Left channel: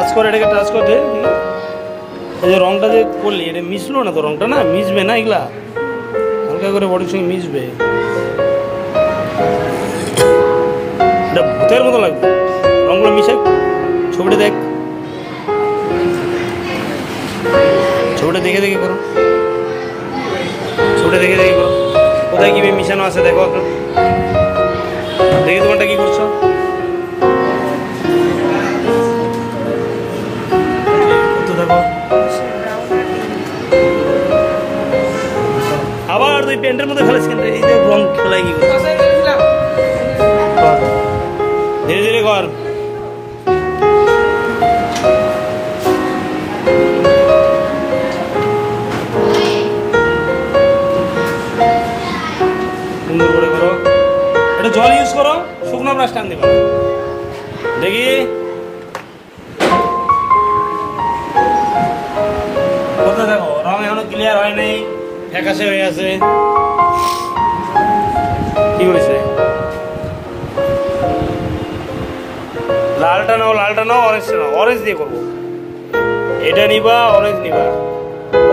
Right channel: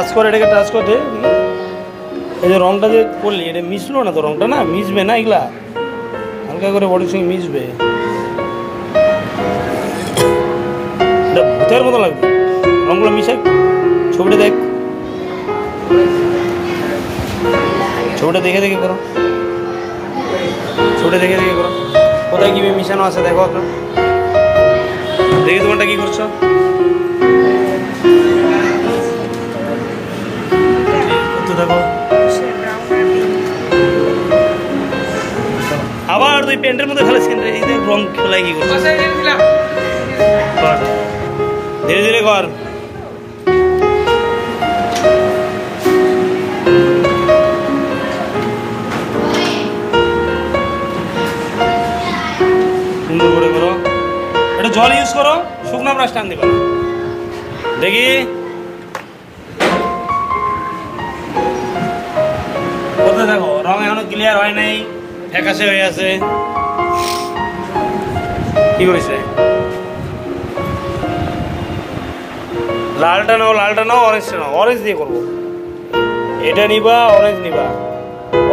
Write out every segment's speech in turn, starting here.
Touch করে, এটাকে touch করে দে দেখি। এই যে রংটা যে করলি এটা মিশলো না তো, রংটা না মিশবে না, এগুলা হালকা করে বডির সঙ্গে মিশবে, এটা ভূতের মতো লাগবে। রংগুলো মিশে ছবিটা দেখ, ছবিটা দেখে দেখে করো, ছবিটা দেখে দেখে করো, কোথায় কি মিশানো আছে দেখো একটা, দেখি তোমারটা কি করছো। দেখো আবার তুই প্যান্টের মধ্যে ফেলেছ কেন? এই যে রং খেলাই কি করছিস? ধীরে ধীরে কর। সুন্দর করে করো, এটা জল ইউজ করো, শুকনো ব্রাশ টান দিবা দেখি। দেখো রং এখনো ক্লিয়ার হয় নাই, ফ্যাকাশে হয়ে আছে। কি করেছে? লালটা নাও, লালটা নাও, অরেঞ্জটা নাও। অরেঞ্জ দিয়ে করবো, এটা নিবা, অরেঞ্জ নিবা,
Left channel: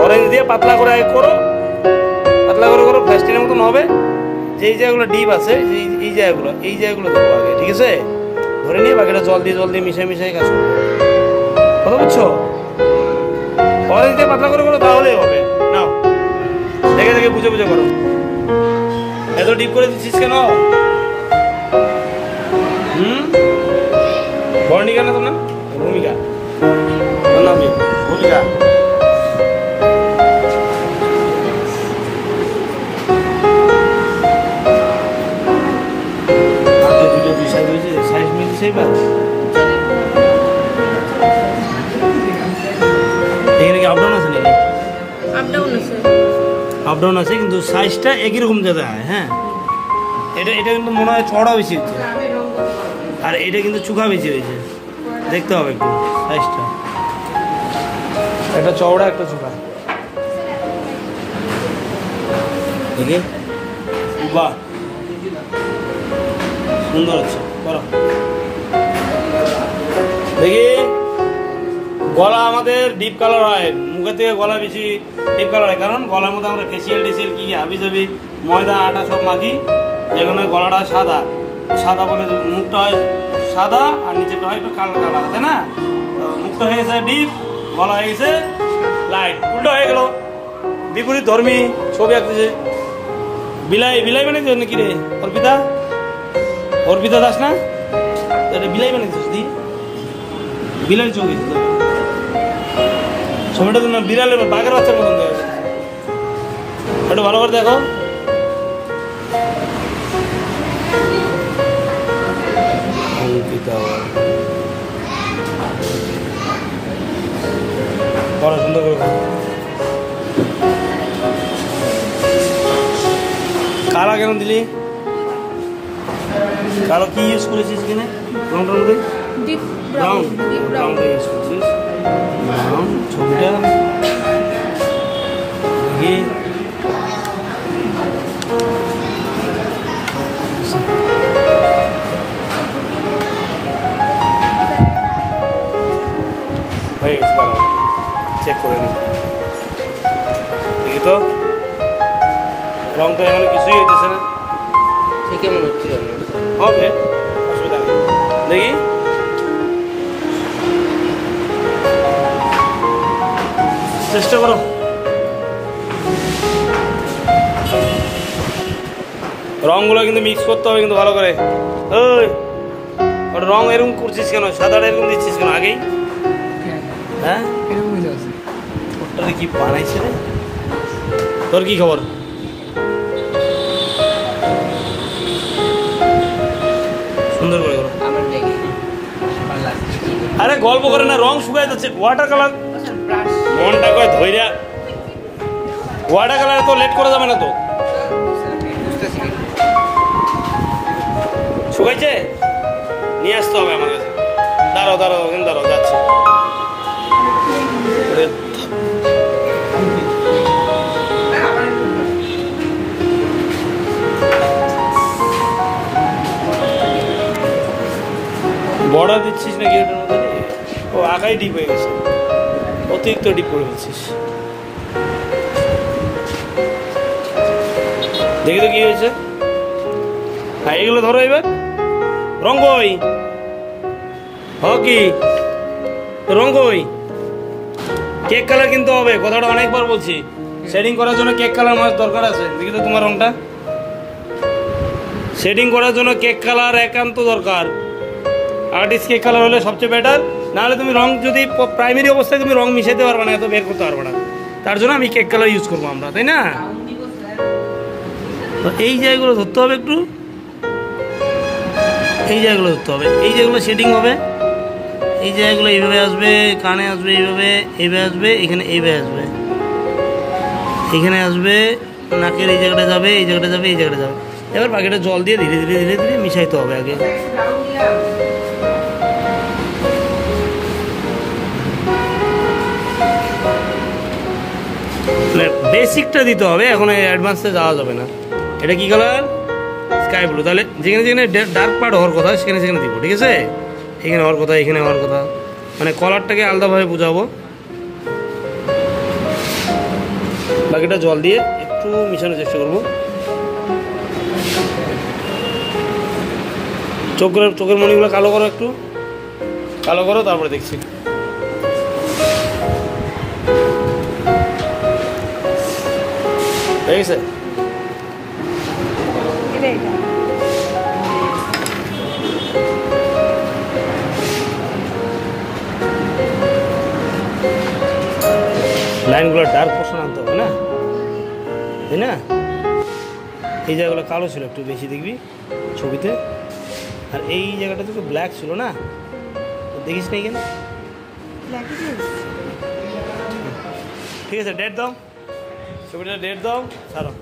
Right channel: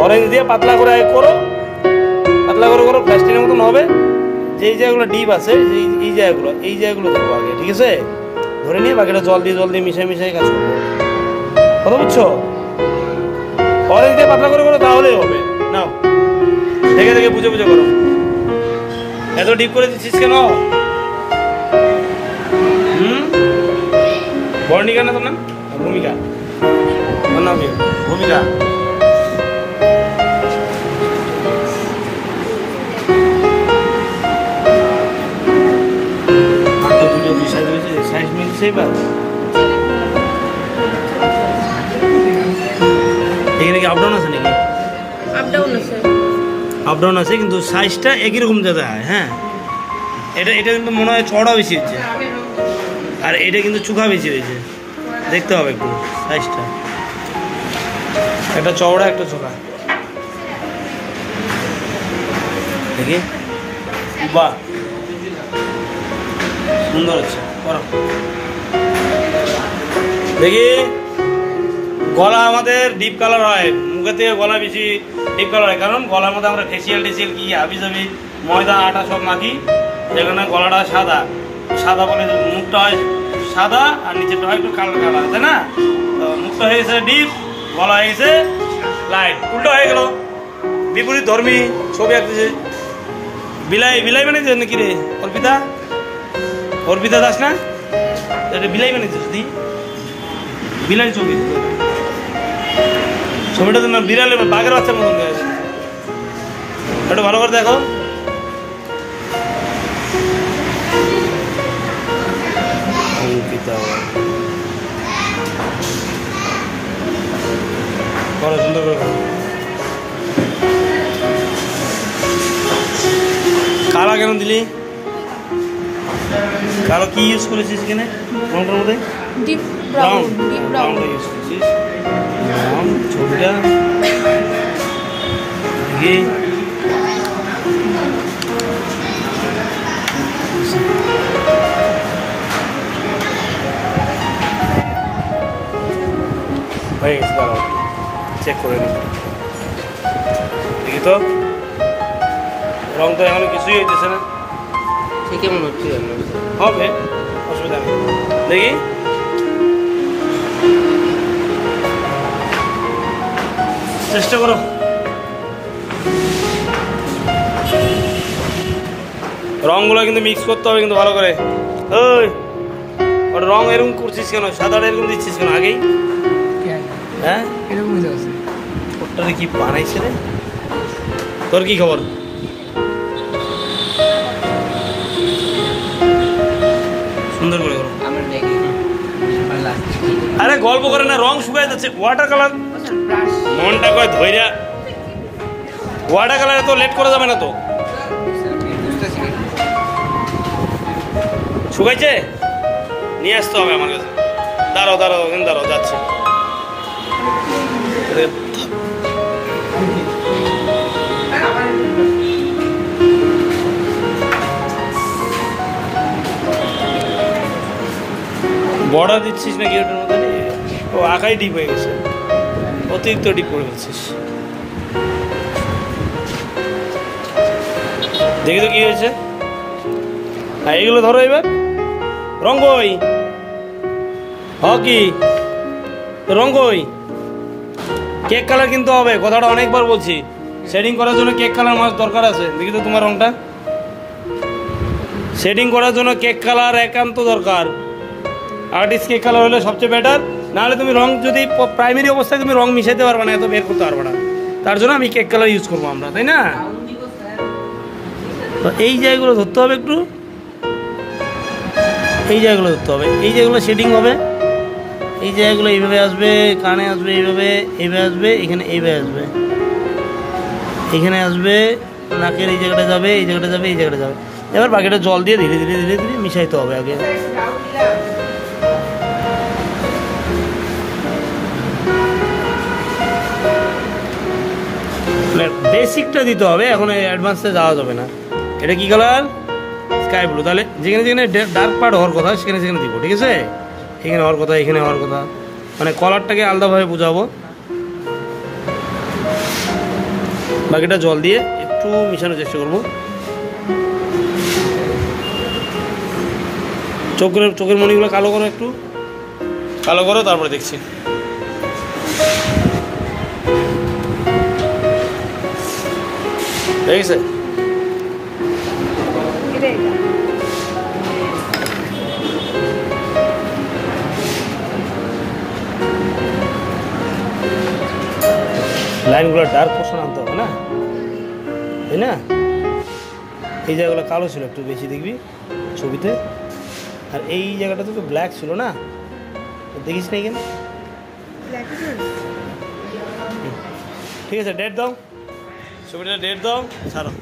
অরেঞ্জ দিয়ে পাতলা করে করো, পাতলা করে করো, প্লাস্টিকের মতন হবে। যেই জায়গাগুলো ডিপ আছে এই জায়গাগুলো দেবো আগে, ঠিক আছে? ধরে নিয়ে বাকিটা জল দিয়ে মিশাই মিশাই কাজ করবো, কথা বুঝছো? অরেঞ্জ দিয়ে পাতলা করে করো, তাহলেই হবে। নাও দেখে দেখে বুঝে বুঝে করো। এত ডিপ করে দিচ্ছিস কেন? বর্ণিকা না তোর নাম? ভূমিকা, তোর নাম কি? ভূমিকা। দুটো দুই সাইজ হয়েছে, সাইজ মিলছে এবার। এখানে কি আপডাউন আছে নাকি? আপডাউন আছে, কিন্তু সাইজটা একই রকম দাদা। হ্যাঁ, এটা কিন্তু মনে হয় চড়া বেশি হচ্ছে, আর এটা কিন্তু চুখা বেশি হয়েছে। দেখতে হবে একটু সাইজটা, একটা চওড়া একটা চুখা দেখি। বাহ, সুন্দর হচ্ছে, করো দেখি। গলা আমাদের ডিপ কালার হয়, মুখের থেকে গলা বেশি ডিপ কালার হয়, কারণ গলার মধ্যে আমরা ফেসিয়াল টেসিয়াল কি হাবি যাবি ময়দা আটা সব মাখি, যেখানে গলাটা সাদা সাদা বলে মুখটা হয় সাদা আর নিচেরটা হয় একটু কালো কালার, তাই না? তো মুখটা হয়ে গেছে ডিপ, গলা হয়ে গেছে লাইট, উল্টো হয়ে গেল। বিপরীত ধর্মী ছবি আঁকতেছে। বিলাই বিলাই মানে নাকি রে? অর্পিতা, অর্পিতা দাস না? বিলাই বানিয়েছিস তুই? বিলাই ছবি ছবিটা তো না বিড়ালে বাঘের বাচ্চার মতন হয়ে আছে। একটু ভালো করে দেখো। করো সুন্দর করে করো। কালা কেন দিলি? কালো কি ইউজ করেছিস এখানে রংটার মধ্যে? ব্রাউন, ব্রাউনটা ইউজ করেছিস। ব্রাউন ছবিটা দেখি। হয়ে গেছে, দাঁড়াও চেক করে নিই দেখি তো। রং তো এখন কিছুই হইতেছে না, ঠিকই মনে হচ্ছে হবে, অসুবিধা নেই। দেখি চেষ্টা করো। রংগুলো কিন্তু মিক্স করতে হবে কিন্তু ভালো করে। ওই ওটা রং এরকম করছিস কেন? সাদাটা এরকম দিচ্ছিস কেন আগেই? হ্যাঁ এরকম আছে। ওটা কি বানাইছে রে? তোর কি খবর? সুন্দর করে করো। আরে গল্প করে না, রং শুকায় যাচ্ছে। ওয়াটার কালার মনটা কয় ধৈর্য, ওয়াটার কালার তো লেট করে যাবে না তো। শুকাইছে, নিয়ে আসতে হবে আমার কাছে। দাঁড়াও দাঁড়াও, ওখানে দাঁড়াও, যাচ্ছে। বর্ডার দিচ্ছিস নাকি ওটার মধ্যে? ও ও আঁকাই ডিপ হয়ে গেছে, অতিরিক্ত ডিপ করে ফেলছিস। দেখি তো কি হয়েছে। হ্যাঁ এগুলো ধরো এবার। রঙ্গই কি রঙ্গই কেক কালার কিন্তু হবে, কথাটা অনেকবার বলছি। শেডিং করার জন্য কেক কালার মাছ দরকার আছে। দেখি তো তোমার রংটা। শেডিং করার জন্য কেক কালার একান্ত দরকার। আর্টিস্ট কেক কালার হলে সবচেয়ে বেটার। নাহলে তুমি রং যদি প্রাইমারি অবস্থায় তুমি রং মিশাইতে পারবে না, এত বের করতে পারবে না। তার জন্য আমি কেক কালার ইউজ করবো আমরা, তাই না? তো এই জায়গাগুলো ধরতে হবে একটু, এই জায়গাগুলো ধরতে হবে। এই জায়গাগুলো শেডিং হবে, এই জায়গাগুলো এইভাবে আসবে, কানে আসবে এইভাবে, এইভাবে আসবে, এখানে এইভাবে আসবে, এখানে আসবে, নাকের এই জায়গাটা যাবে, এই জায়গাটা যাবে, এই জায়গাটা যাবে। এবার বাকিটা জল দিয়ে ধীরে ধীরে ধীরে ধীরে মিশাইতে হবে আগে। বেসিকটা দিতে হবে, এখন অ্যাডভান্সে যাওয়া যাবে না। এটা কি কালার? Sky blue. তাহলে যেখানে যেখানে ডার্ক পার্ট হওয়ার কথা সেখানে সেখানে দিব, ঠিক আছে? এখানে হওয়ার কথা, এখানে হওয়ার কথা, মানে কলারটাকে আলাদাভাবে বোঝাবো। বাকিটা জল দিয়ে একটু মিশানোর চেষ্টা করবো। চোখের মণিগুলো কালো করো, একটু কালো করো, তারপরে দেখছি। ঠিক আছে, লাইনগুলো ডার্ক পোর্শন আনতে হবে না, তাই না? এই জায়গাগুলো কালো ছিল একটু বেশি দেখবি ছবিতে, আর এই জায়গাটা তো ব্ল্যাক ছিল না, দেখিস না এখানে। ঠিক আছে, ডেট দাও, ছবিটা ডেট দাও, ছাড়ো।